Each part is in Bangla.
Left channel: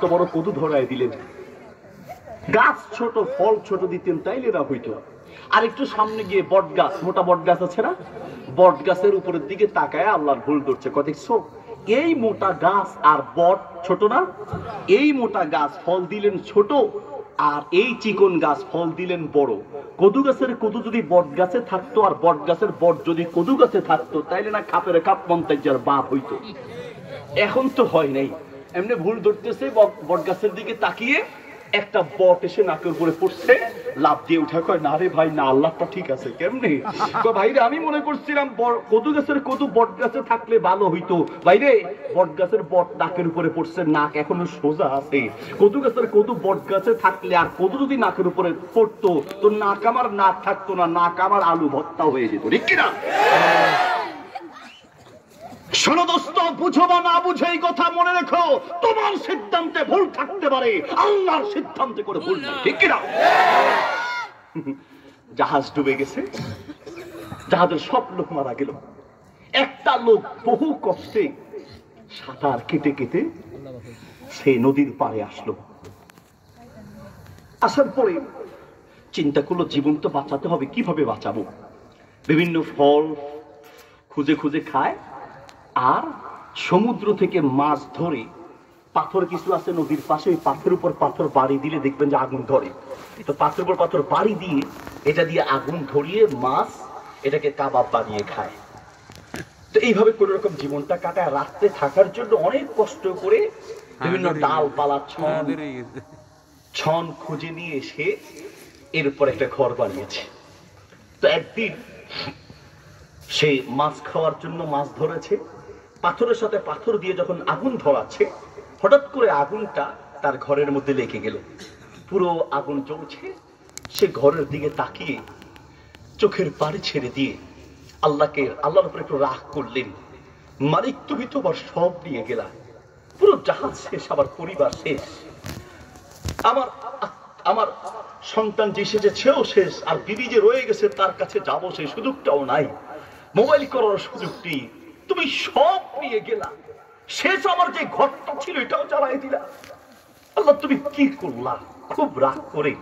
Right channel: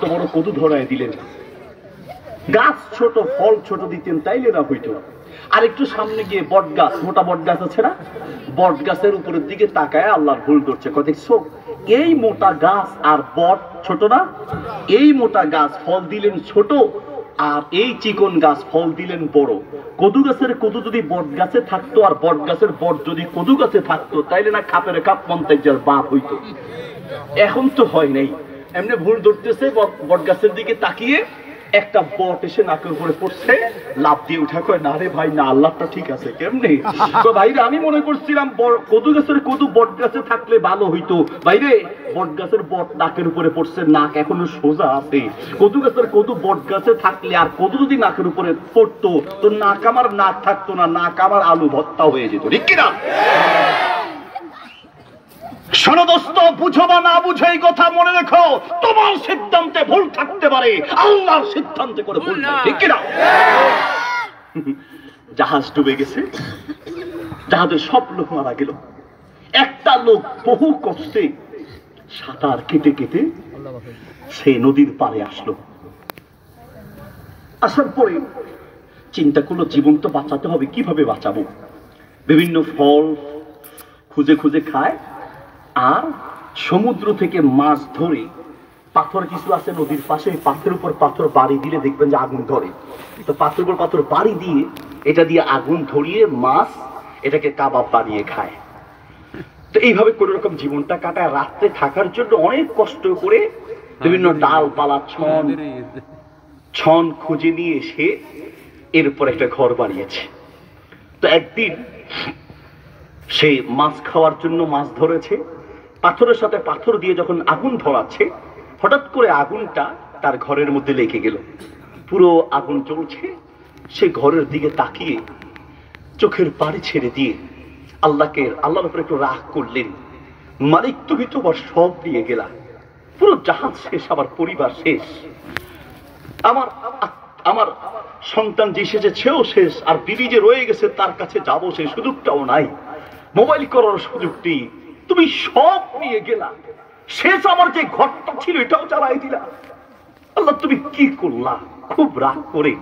তো বড় কদু ধরায় দিলেন। গাছ ছোট, ফল ছোট দিতেন, তাইলে না হইতো। আর একটু সামনে গিয়ে বট গাছ, মোটা বট গাছ আছে না, বট গাছের উপরের দিকে তাকায় আল্লাহর ভুল ধরছে। কয় দেখছো, এই মোটা গাছ আর বট ছোট না? এই মোটা গাছ ফল দিলেন ছোট, আর এই চিকন গাছ ফল দিলেন বড়। কদু গাছের কদু যদি বট গাছে থাকতো, আর বট গাছের বট যদি কদু গাছে থাকতো, তাইলে না খাপের খাপ মন্তাইজার বাপ হইতো। এখন তো হয় নাই, এমনি ভুল ধরতেছে। বট গাছের দিকে তাকিয়ে একটা বট এসে নাকের উপরে পড়ছে, লাফ দিয়ে উঠা। কয় না রে ভাই না, আল্লাহটা ঠিক আছে। কেমনে? ভাইরে আমি মনে করছিলাম কদু গাছের কদু বট গাছে থাকলে ভালো হইতো। ভাইরে বট গাছের বট নাকের উপরে পড়ছে, নাক এখনো সোজা আছে। কদু গাছের কদু বট গাছে থাকলে আর কদু যদি নাকের উপরে পড়তো, তো নাক আমার নাক থাকতো না, নাক আমার আলু ভর্তা হয়ে যেত। ঠিক কিনা? শোনো দোস্ত, বুঝো বা না বুঝো এই কথা মনে রেখো, তোমার সিদ্ধান্তে ভুল থাকতে পারে, আল্লাহর সিদ্ধান্তে করে ভুল নাই। ঠিক কিনা? জাহাজ ডুবে গেছে, জাহাজের সব লোক মারা গেল। একটা লোক বহু কষ্টে সাঁতার কেটে কেটে সে নদীর পাড়ে আসলো। আসার পরে চিন্তা করলো, জীবন তো বাঁচাতে হবে, কিভাবে বাঁচাবো? বিভিন্ন ফল খুঁজে খুঁজে খায়, আর সমুদ্র থেকে মাছ ধরে, পাথর কিছু আছে নদীর পাশে, পাথরের উপর পাথর বাড়ি দিলে দেখবেন যে আগুন ধরে। তো পাথরের উপর পাথর বাড়ি দিয়ে, এটা দিয়ে আগুন ধরিয়ে মাছ এটাকে কাবাব বানিয়ে খায়। তো এইভাবে কোন রকম জীবনটা কাটায়। রাত্রে থাকার জন্য অনেক কষ্ট করে বিভিন্ন ডালপালা ছন খুঁজে নিয়ে এসে এরপর একটা ঘর বানিয়েছে। তো একদিন সে মাছ খাওয়ার জন্য মাছ ধরেছে, পাথরের সাথে পাথর দিয়ে যখন আগুন ধরাচ্ছে, হঠাৎ করে আগুনটা তার ঘরের মধ্যে লেগে গেল। পুরো আগুন জ্বলছে। সে ঘরের দিকে তাকিয়ে চোখের পানি ছেড়ে দিয়ে আল্লাহর উপরে একটু রাগ করলেন, মালিক তুমি তোমার সব নিয়ে গেলা, পুরো জাহাজ শেষ, আবার পরিবার শেষ, আমার সন্তান যে এসেছে সেও শেষ, আর বিবি যে রয়ে গেছে তার কাছে যাবো সে সুযোগটাও নাই, মোবাইল করার সুযোগটি, তুমি সব নিয়ে গেলা, শেষ আমার যে ঘরটা ছিল এটাও চালাই দিলা। আল্লাহ তুমি কি করলা? খুব রাগ করে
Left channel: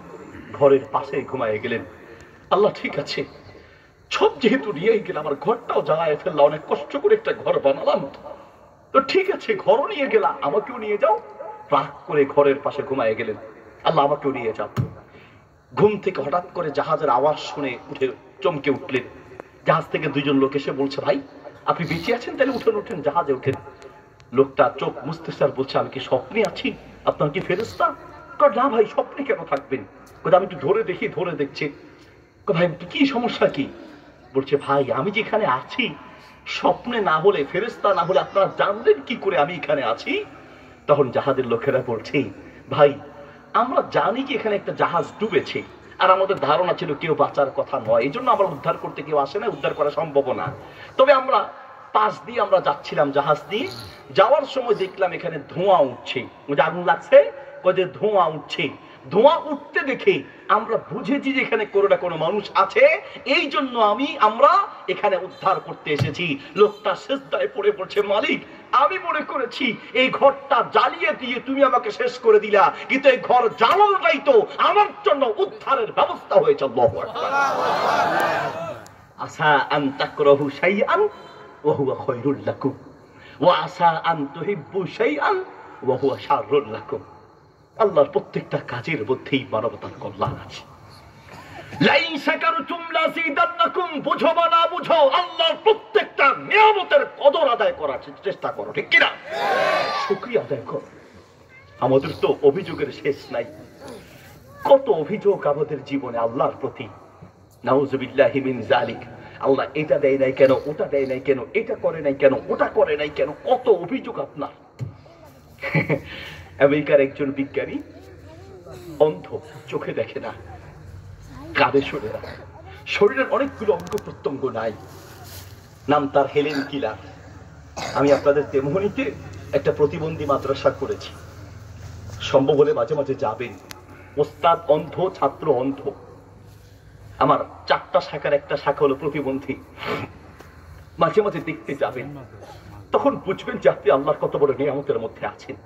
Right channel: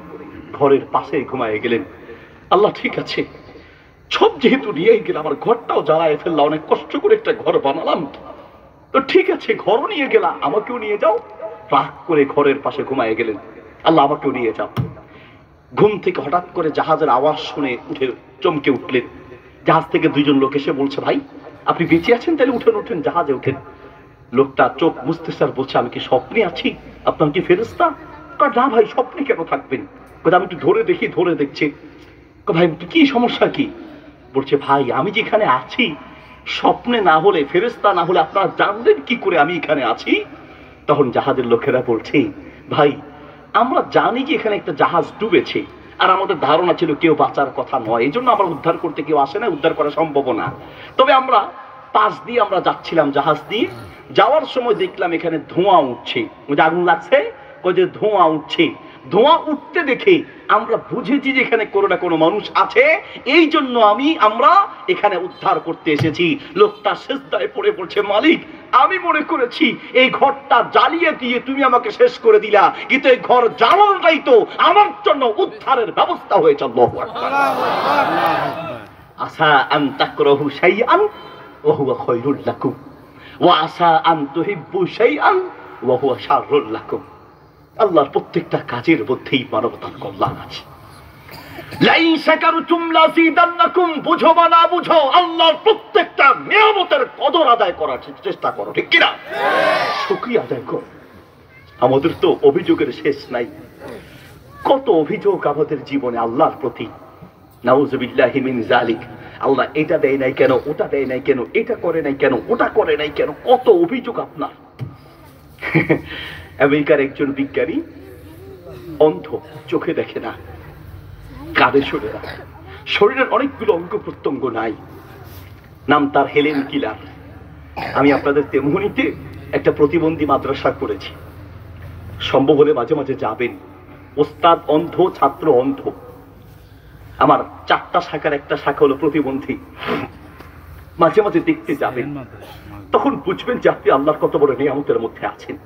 ঘরের পাশে ঘুমায় গেলেন। আল্লাহ ঠিক আছে, সব যেহেতু নিয়ে গেলাম, আমার ঘরটাও জ্বালায় ফেললাম, অনেক কষ্ট করে একটা ঘর বানালাম, তো ঠিক আছে ঘরও নিয়ে গেলা, আমাকেও নিয়ে যাও। রাগ করে ঘরের পাশে ঘুমায় গেলেন। আল্লাহ আমাকেও নিয়ে যাও। ঘুম থেকে হঠাৎ করে জাহাজের আওয়াজ শুনে উঠে চমকে উঠলেন। জাহাজ থেকে দুইজন লোক এসে বলছে, ভাই আপনি বেঁচে আছেন? তাহলে উঠেন উঠেন, জাহাজে উঠেন। লোকটা চোখ বুঝতেছে আর বলছে, আমি কি স্বপ্নে আছি? আপনার কি ফেরেশতা? না ভাই, স্বপ্নে কেন থাকবেন? আমি একটু ধরে দেখি। ধরে দেখছে। ভাই কি সমস্যা কি? বলছে, ভাই আমি যেখানে আছি, স্বপ্নে না হলে, ফেরেশতা না হলে আপনারা জানলেন কি করে আমি এখানে আছি? তখন জাহাজের লোকেরা বলছে, ভাই আমরা জানি যে এখানে একটা জাহাজ ডুবেছে, আর আমাদের ধারণা ছিল কেউ বাঁচার কথা নয়, এই জন্য আমরা উদ্ধার করতে কেউ আসে না, উদ্ধার করা সম্ভব না। তবে আমরা পাশ দিয়ে আমরা যাচ্ছিলাম, জাহাজ দিয়ে যাওয়ার সময় দেখলাম এখানে ধোঁয়া উঠছে, ওই যে আগুন লাগছে, ওই যে ধোঁয়া উঠছে, ধোঁয়া উঠতে দেখে আমরা বুঝেছি যে এখানে কোনো না কোনো মানুষ আছে, এই জন্য আমরা এখানে উদ্ধার করতে এসেছি। লোকটা সিজদায় পড়ে বলছে, মালিক আমি মনে করেছি এই ঘরটা জ্বালিয়ে দিয়ে তুমি আমাকে শেষ করে দিলা, কিন্তু এই ঘর জ্বালানোটাই তো আমার জন্য উদ্ধারের ব্যবস্থা হয়েছে। আল্লাহু আকবার। আসা আন তাকরাহু শাইআন ওয়া হুয়া খায়রুল লাকুম ওয়া আসা আন তুহিব্বু শাইআন ওয়া হুয়া শাররুল লাকুম। আল্লাহর প্রত্যেকটা কাজের মধ্যেই মানবতার কল্যাণ আছে। লাইন শাকারতুম লাযিদান্নাকুম, বুঝো বা না বুঝো, আল্লাহর প্রত্যেকটা নিয়ামতের কদর আদায় করার চেষ্টা করো। ঠিক কিনা? শুকরিয়া আদায় করো। আমাদের তো অভিযোগের শেষ নাই। কত অভিযোগ আমাদের জীবনে আল্লাহর প্রতি। নাউযুবিল্লাহি মিন যালিক। আল্লাহ এটা দেয় নাই কেন, ওটা দেয় নাই কেন, এটা করে নাই কেন, ওটা করে নাই কেন, কত অভিযোগ আপনার। আমেরিকার একজন বিজ্ঞানী, অন্ধ, চোখে দেখে না, কাঁধে সরে না, শরীরের অনেকগুলো অঙ্গ প্রত্যঙ্গ নাই, নাম তার হেলেন কিলার। আমি আপনাদের তেমনিতে একটা প্রতিবন্ধী মাদ্রাসা করেছি, সম্ভব হলে মাঝে মাঝে যাবেন। ওস্তাদ অন্ধ, ছাত্র অন্ধ। আমার 4টা শাখার একটা শাখা হলো প্রতিবন্ধী। মাঝে মাঝে দেখতে যাবেন, তখন বুঝবেন যে আপনি আল্লাহর কত বড় নিয়ামতের মধ্যে আছেন।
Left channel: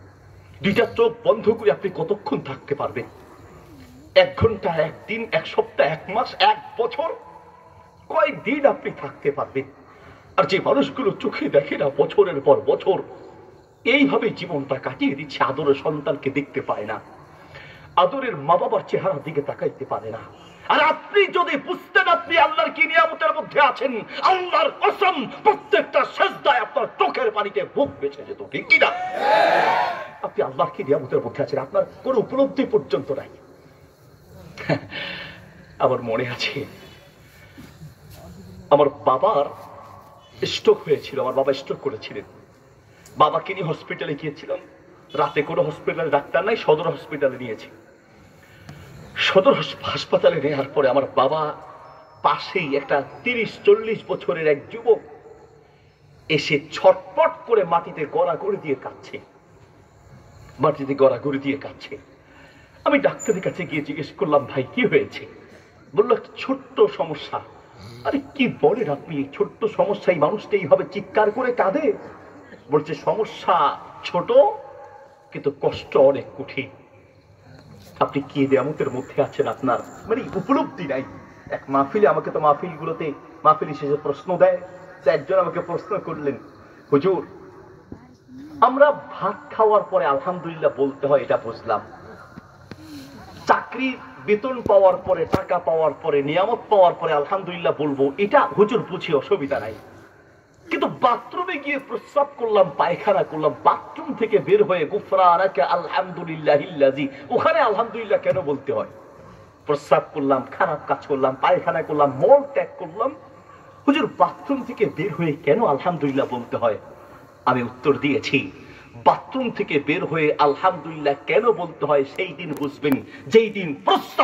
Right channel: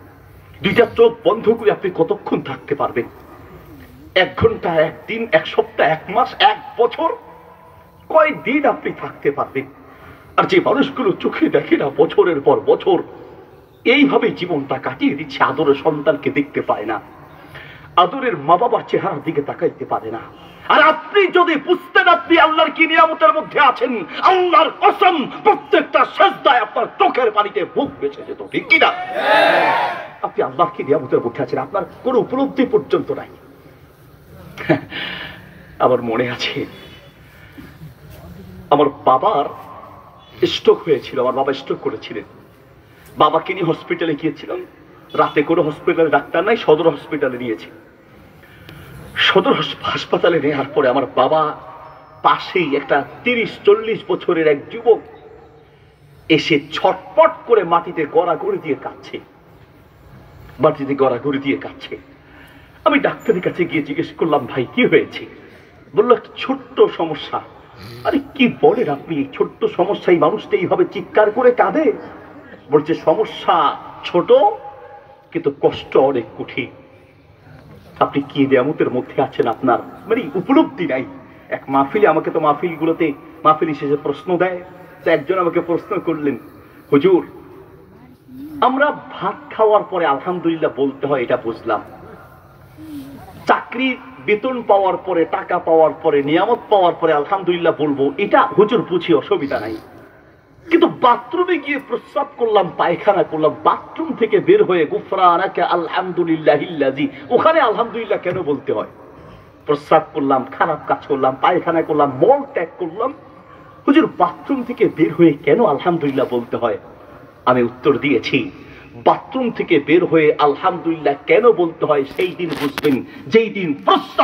দুইটা চোখ বন্ধ করে আপনি কতক্ষণ থাকতে পারবেন? 1 ঘন্টা, 1 দিন, 1 সপ্তাহ, 1 মাস, 1 বছর, কয় দিন আপনি থাকতে পারবেন? আর যে মানুষগুলো চোখে দেখে না, বছরের পর বছর এইভাবে জীবনটা কাটিয়ে দিচ্ছে, আদরের সন্তানকে দেখতে পায় না, আদরের মা বাবার চেহারার দিকে তাকাইতে পারে না। আর আপনি যদি বুঝতেন আপনি আল্লাহর কি নিয়ামতের মধ্যে আছেন, আল্লাহর কসম প্রত্যেকটা সেজদায় আপনার চোখের পানিতে বুক বেঁচে যেত, ঠিক কিনা? আপনি আল্লাহর কি নিয়ামতের মধ্যে আছেন, আপনার কোন উপলব্ধি পর্যন্ত নাই। আমার মনে আছে আমার বাবার স্ট্রোক হয়েছিল, আমার বাবা স্ট্রোক করেছিলেন। বাবাকে নিয়ে হসপিটালে গিয়েছিলাম, রাতে কোনো হসপিটালে ডাক্তার নাই, সদর হসপিটালে নিয়েছি। সদর হাসপাতালে নেওয়ার পরে আমার বাবা পাশেই একটা 30-40 বছরের এক যুবক এসে ছটপট করে মাটিতে গড়াগড়ি দিয়ে কাঁদছে, মাটিতে গড়াগড়ি দিয়ে কাঁদছে। আমি ডাক্তারের কাছে গিয়ে জিজ্ঞেস করলাম, ভাই কি হয়েছে? বললো একটা ছোট্ট সমস্যা। আরে কি বলেন আপনি, এই ছোট্ট সমস্যা এই মানুষটা এইভাবে চিৎকার করে কাঁদে? বলছে সমস্যা ছোট কিন্তু কষ্ট অনেক কঠিন। আপনি কি নিয়ামতের মধ্যে আছেন, আপনার মানে উপলব্ধি নাই। এক মাহফিলে, আমাকে তো মাহফিলগুলোতে মাহফিল শেষে প্রশ্ন দেয়, তো একজন আমাকে প্রশ্ন করলেন, হুজুর আমরা ভাত খাওয়ার পরে আলহামদুলিল্লাহ বলতে হয়, এটা বুঝলাম, চাকরির বেতন পাওয়ার পরে, টাকা পাওয়ার পরে, নিয়ামত পাওয়ার পরে আলহামদুলিল্লাহ বলবো, এটা হুজুর বুঝি, অসুবিধা নাই। কিন্তু বাথরুমে গিয়ে প্রস্রাব করলাম, পায়খানা করলাম, বাথরুম থেকে বের হয়ে গুফরানাকা আলহামদুলিল্লাহিল্লাযী, ওখানে আলহামদুলিল্লাহ কেন বলতে হয়? প্রস্রাব করলাম, খারাপ কাজ করলাম, পায়খানা করলাম, মল ত্যাগ করলাম, হুজুর বাথরুম থেকে বের হয়ে কেন আলহামদুলিল্লাহ বলতে হয়? আমি উত্তর দিয়েছি, বাথরুম থেকে বের হয়ে আলহামদুলিল্লাহ কেন বলতে হয় সেই দিন বুঝবেন যেই দিন প্রস্রাব